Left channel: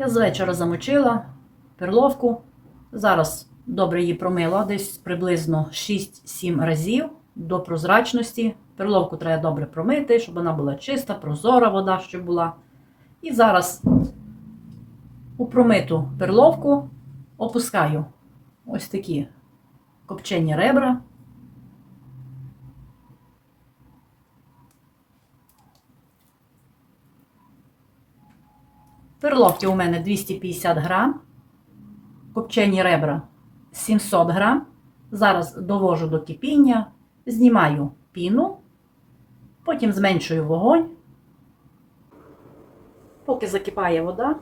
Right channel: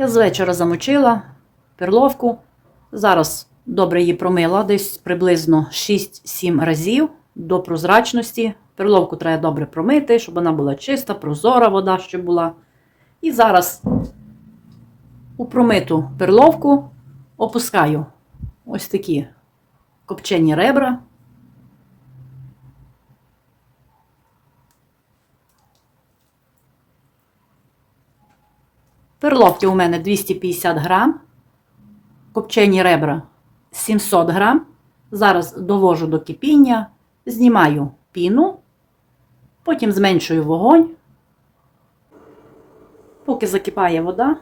Я з вечора замочила перловку. Зараз добре її промила, десь приблизно 6-7 разів до прозрачності. Перловку треба добре промити, щоб вона була чиста, прозора вода, щоб була. І зараз у промиту перловку опускаю ось такі копчені ребра. Перловки у мене 250 грам, копчені ребра 700 грам. Зараз довожу до кипіння, знімаю піну, потім зменшую вогонь. Поки закипає вода,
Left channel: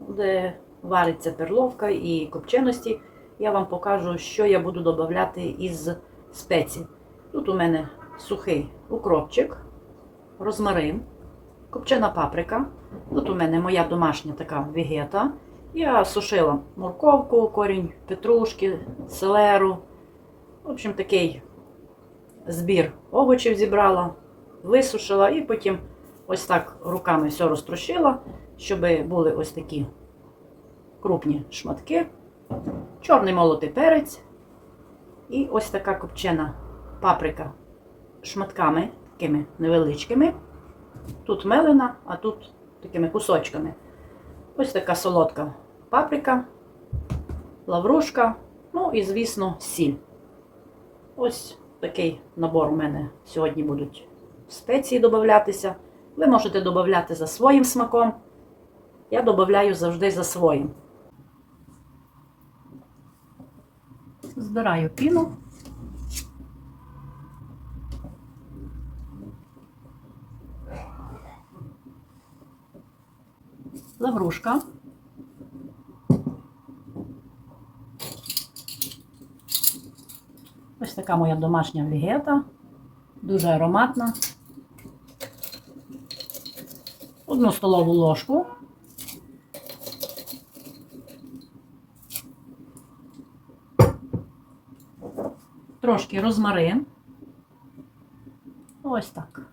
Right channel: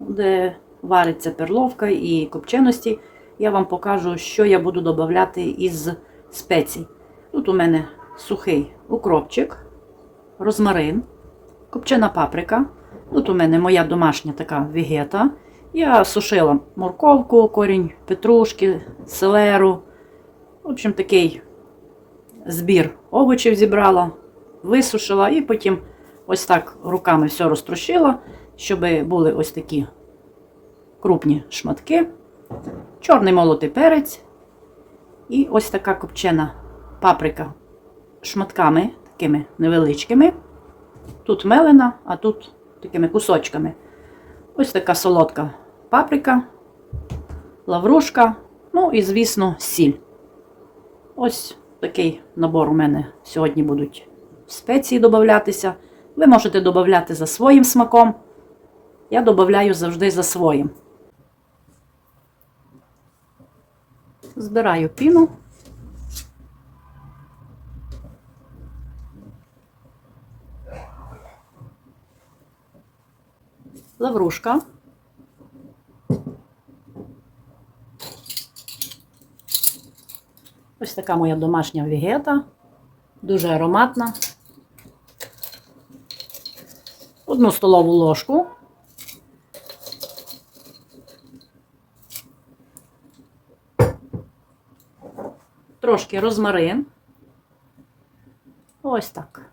де вариться перловка і копченості, я вам покажу, що я буду додавати із спецій. Тут у мене сухий укропчик, розмарин, копчена паприка. Тут у мене моя домашня така вегета. Я сушила морковку, корінь петрушки, селеру. В общем, такий збір овочів зібрала, висушила і потім ось так руками все розтрощила, щоб були ось такі крупні шматки, чорний молотий перець і ось така копчена паприка шматками такими невеличкими. Тут мелена, а тут такими кусочками. Ось така солодка паприка, лаврушка, ну і, звісно, сіль. Ось такий набор у мене сьогодні будуть спеції додатися. Ви можете додати за своїм смаком. Я додаю завжди за своїм. Збираю піну. Лаврушка. Ось така моя домашня вегета. Дуже ароматна. Одну столову ложку. Трошки розмарин. Ось так.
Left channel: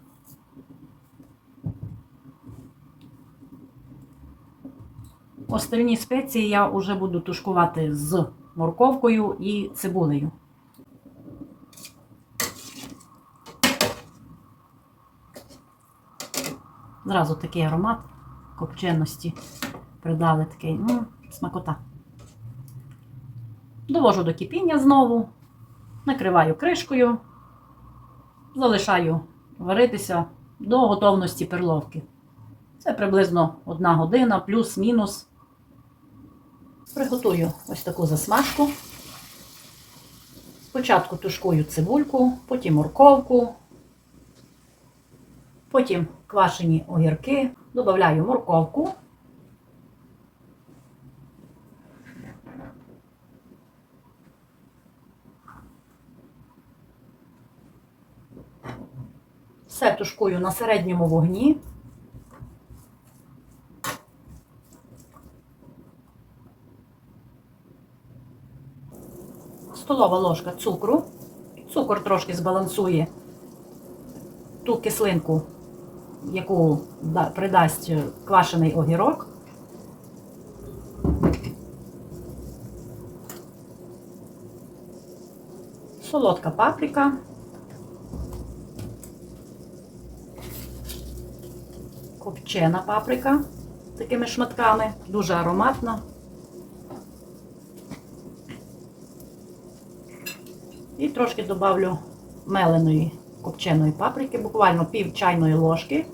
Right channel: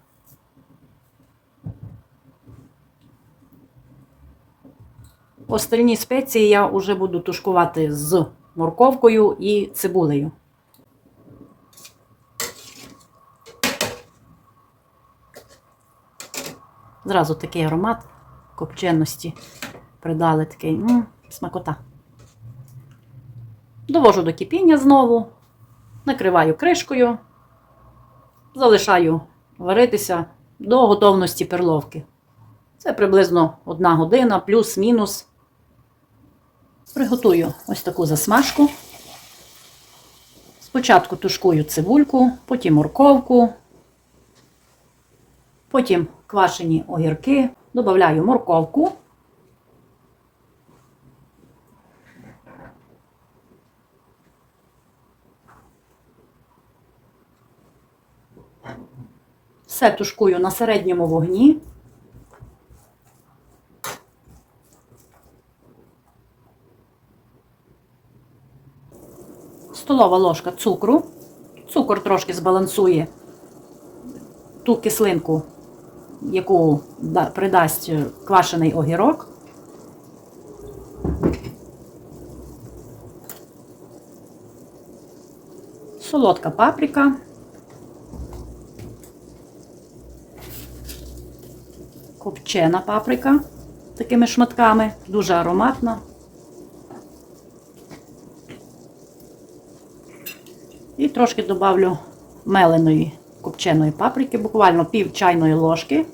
Остальні спеції я вже буду тушкувати з морковкою і цибулею. Зразу такий аромат копченості придали такий м, смакота. Довожу до кипіння знову, накриваю кришкою, залишаю варитися до готовності перловки. Це приблизно одна година, плюс-мінус. Приготую ось таку засмажку. Спочатку тушкую цибульку, потім морковку, потім квашені огірки, додаю морковку. Все тушкую на середньому вогні. Столова ложка цукру. Цукор трошки збалансує ту кислинку, яку придасть квашений огірок. Солодка паприка. Копчена паприка такими шматками, дуже ароматна. І трошки добавлю меленої копченої паприки, буквально пів чайної ложки.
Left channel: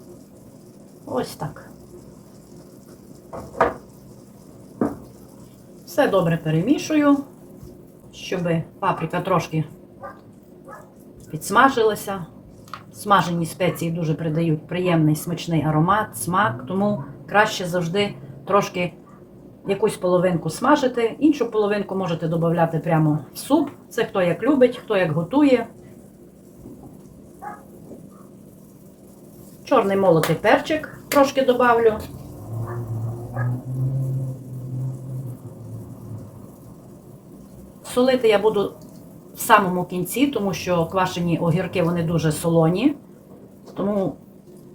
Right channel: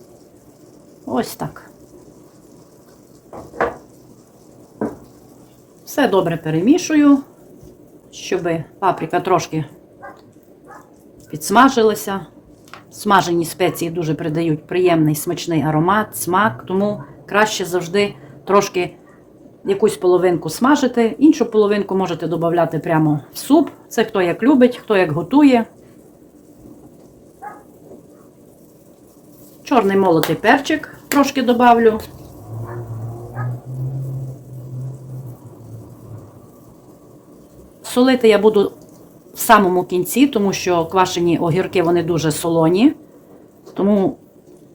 Ось так. Все добре перемішую, щоб паприка трошки підсмажилася. Смажені спеції дуже придають приємний смачний аромат, смак, тому краще завжди трошки якусь половинку смажити, іншу половинку можете додати прямо в суп. Це хто як любить, хто як готує. Чорний молотий перчик трошки добавлю. Солити я буду в самому кінці, тому що квашені огірки вони дуже солоні. Тому,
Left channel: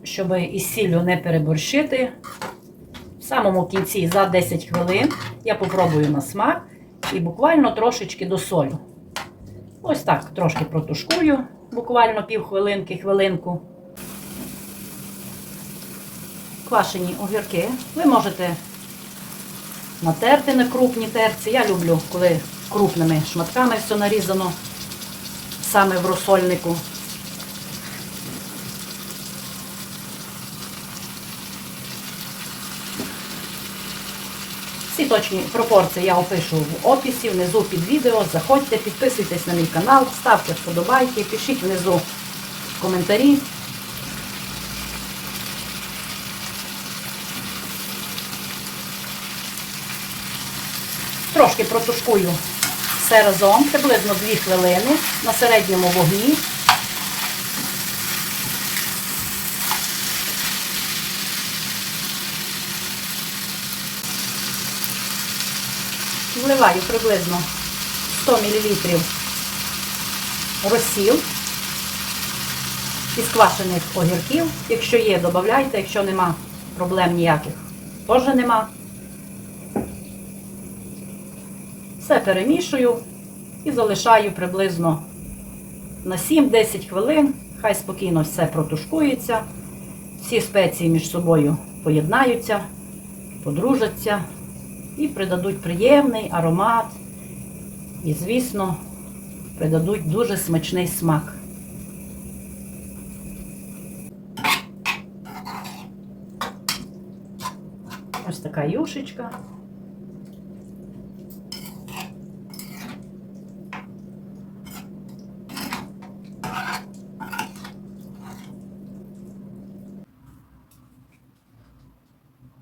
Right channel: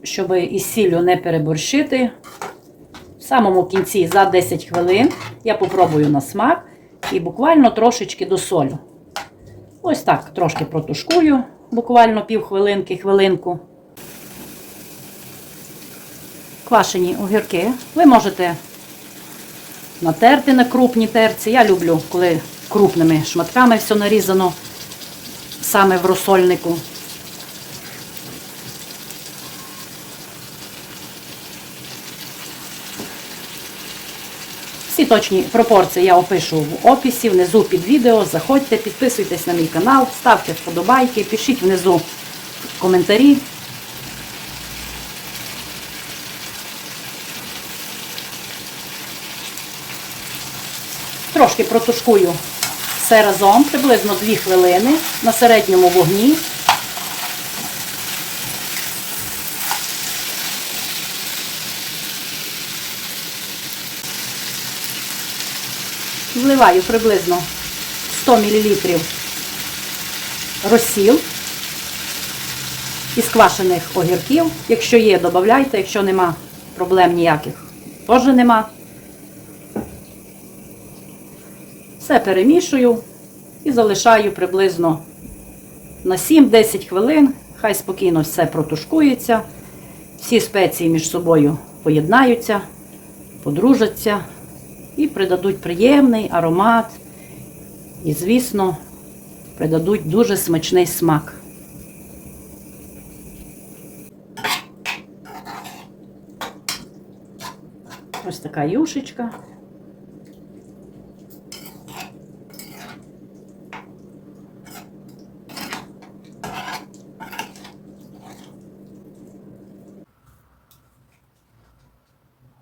щоб із сіллю не переборщити, самому кінці за 10 хвилин я попробую на смак і буквально трошечки досолю. Ось так, трошки протушкую, буквально півхвилинки, хвилинку. Квашені огірки. Ви можете натерти на крупній терці. Я люблю, коли крупними шматками все нарізано саме в розсольнику. Всі точні пропорції я опишу в описі, внизу під відео. Заходьте, підписуйтесь на мій канал, ставте вподобайки, пишіть внизу коментарі. Трошки протушкую все разом, приблизно 2 хвилини на середньому вогні. Вливаю приблизно 100 мл розсіл із квашених огірків. Якщо є, додавайте, якщо нема проблем ніяких, теж нема. Все перемішую і залишаю приблизно на 7-10 хвилин. Хай спокійно все протушкується. Всі спеції між собою поєднаються, подружаться і придадуть приємний аромат. І, звісно, придадуть дуже смачний смак. Ось така юшечка.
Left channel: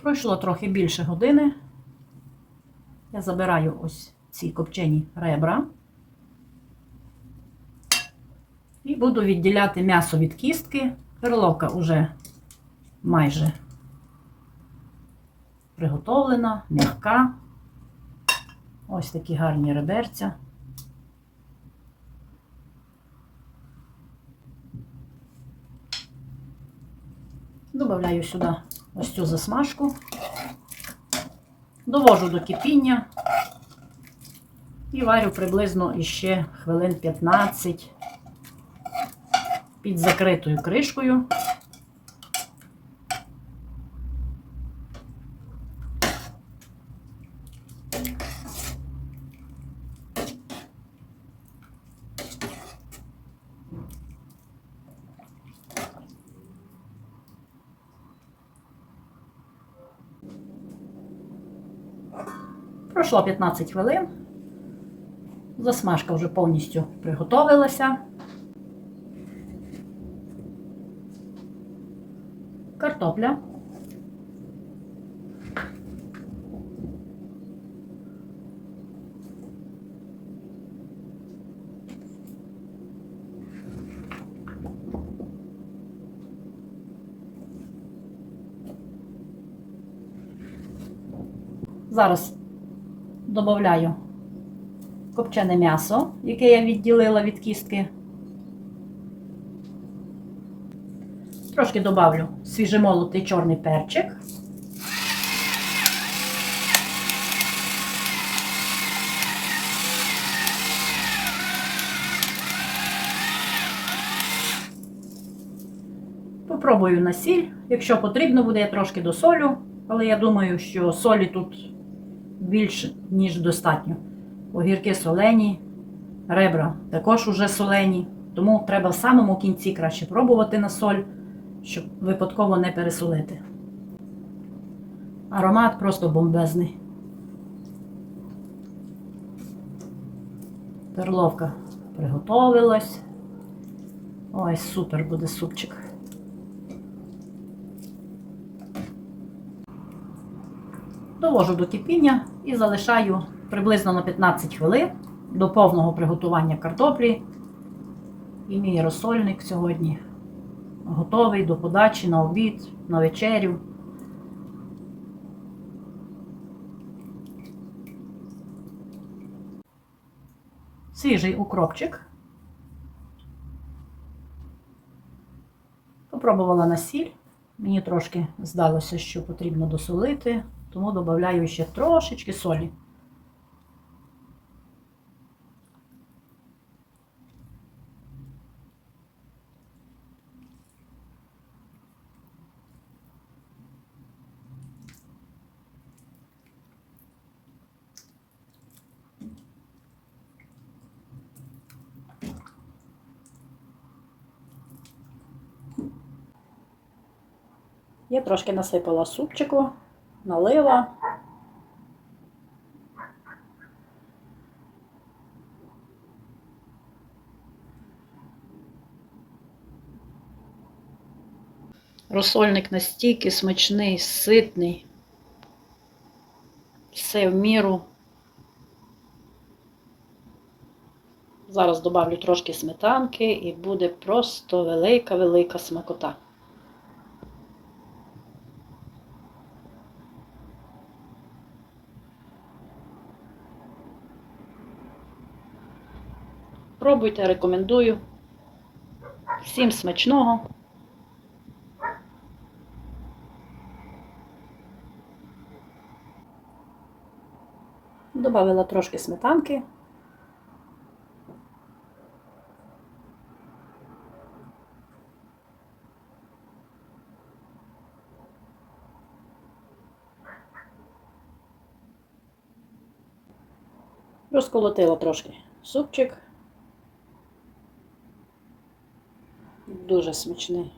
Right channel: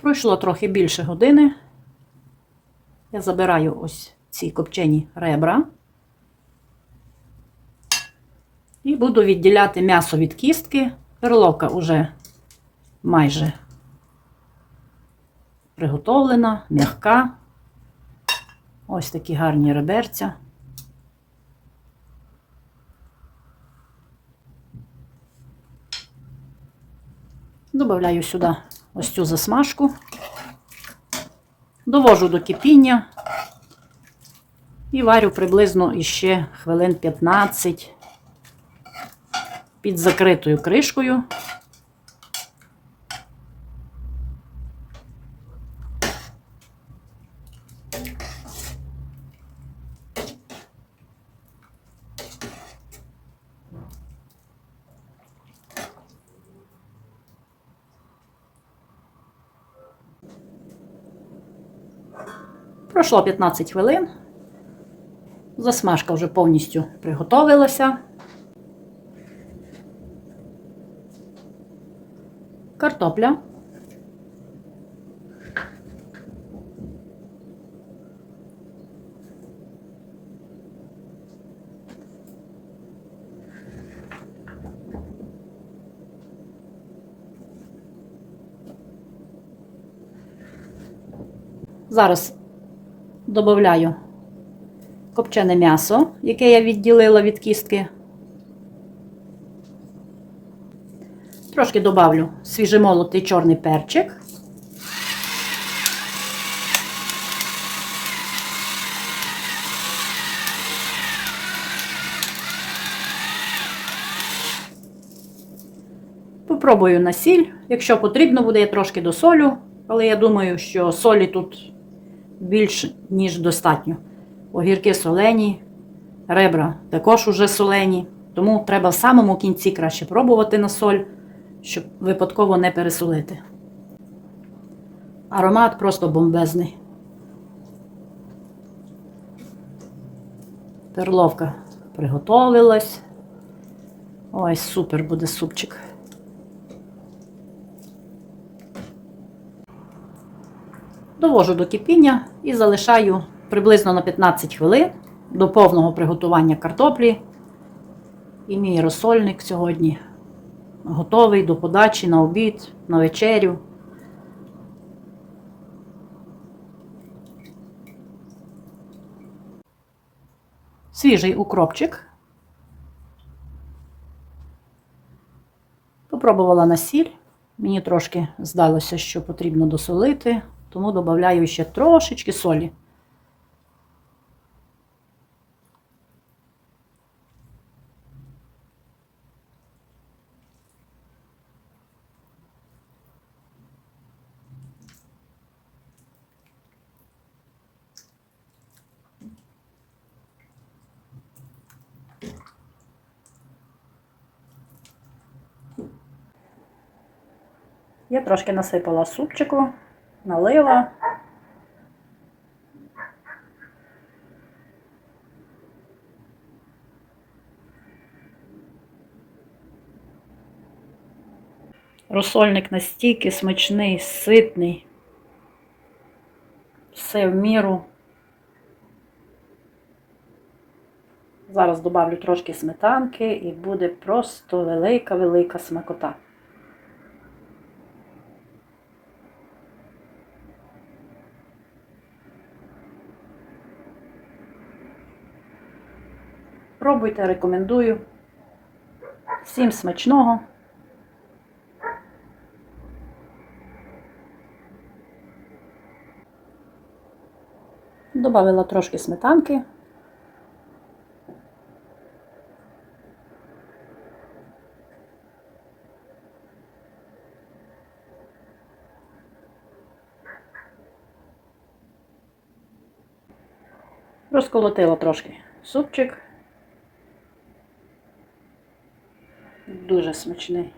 Пройшло трохи більше години. Я забираю ось ці копчені ребра і буду відділяти м'ясо від кістки. Перловка вже майже приготовлена, м'яка. Ось такі гарні реберця. Добавляю сюди ось цю засмажку. Довожу до кипіння і варю приблизно іще хвилин 15 під закритою кришкою. Пройшло 15 хвилин. Засмажка вже повністю приготовилася. Картопля. Зараз Добавляю копчене м'ясо, яке я відділила від кістки. Трошки добавлю свіжемолотий чорний перчик. Попробую на сіль. Якщо потрібно буде, я трошки досолю, але я думаю, що солі тут більш ніж достатньо. Огірки солені, ребра також уже солені, тому треба в самому кінці краще пробувати на соль, щоб випадково не пересолити. Аромат просто бомбезний. Перловка приготовилась. Ой, супер буде супчик. Довожу до кипіння і залишаю приблизно на 15 хвилин до повного приготування картоплі. І мій розсольник сьогодні готовий до подачі на обід, на вечерю. Свіжий укропчик. Попробувала на сіль. Мені трошки здалося, що потрібно досолити. Тому додаю ще трошечки солі. Я трошки насипала супчику, налила. Розсольник настільки смачний, ситний. Все в міру. Зараз добавлю трошки сметанки і буде просто велика-велика смакота. Пробуйте, рекомендую. Всім смачного. Добавила трошки сметанки. Розколотила трошки супчик. Дуже смачний.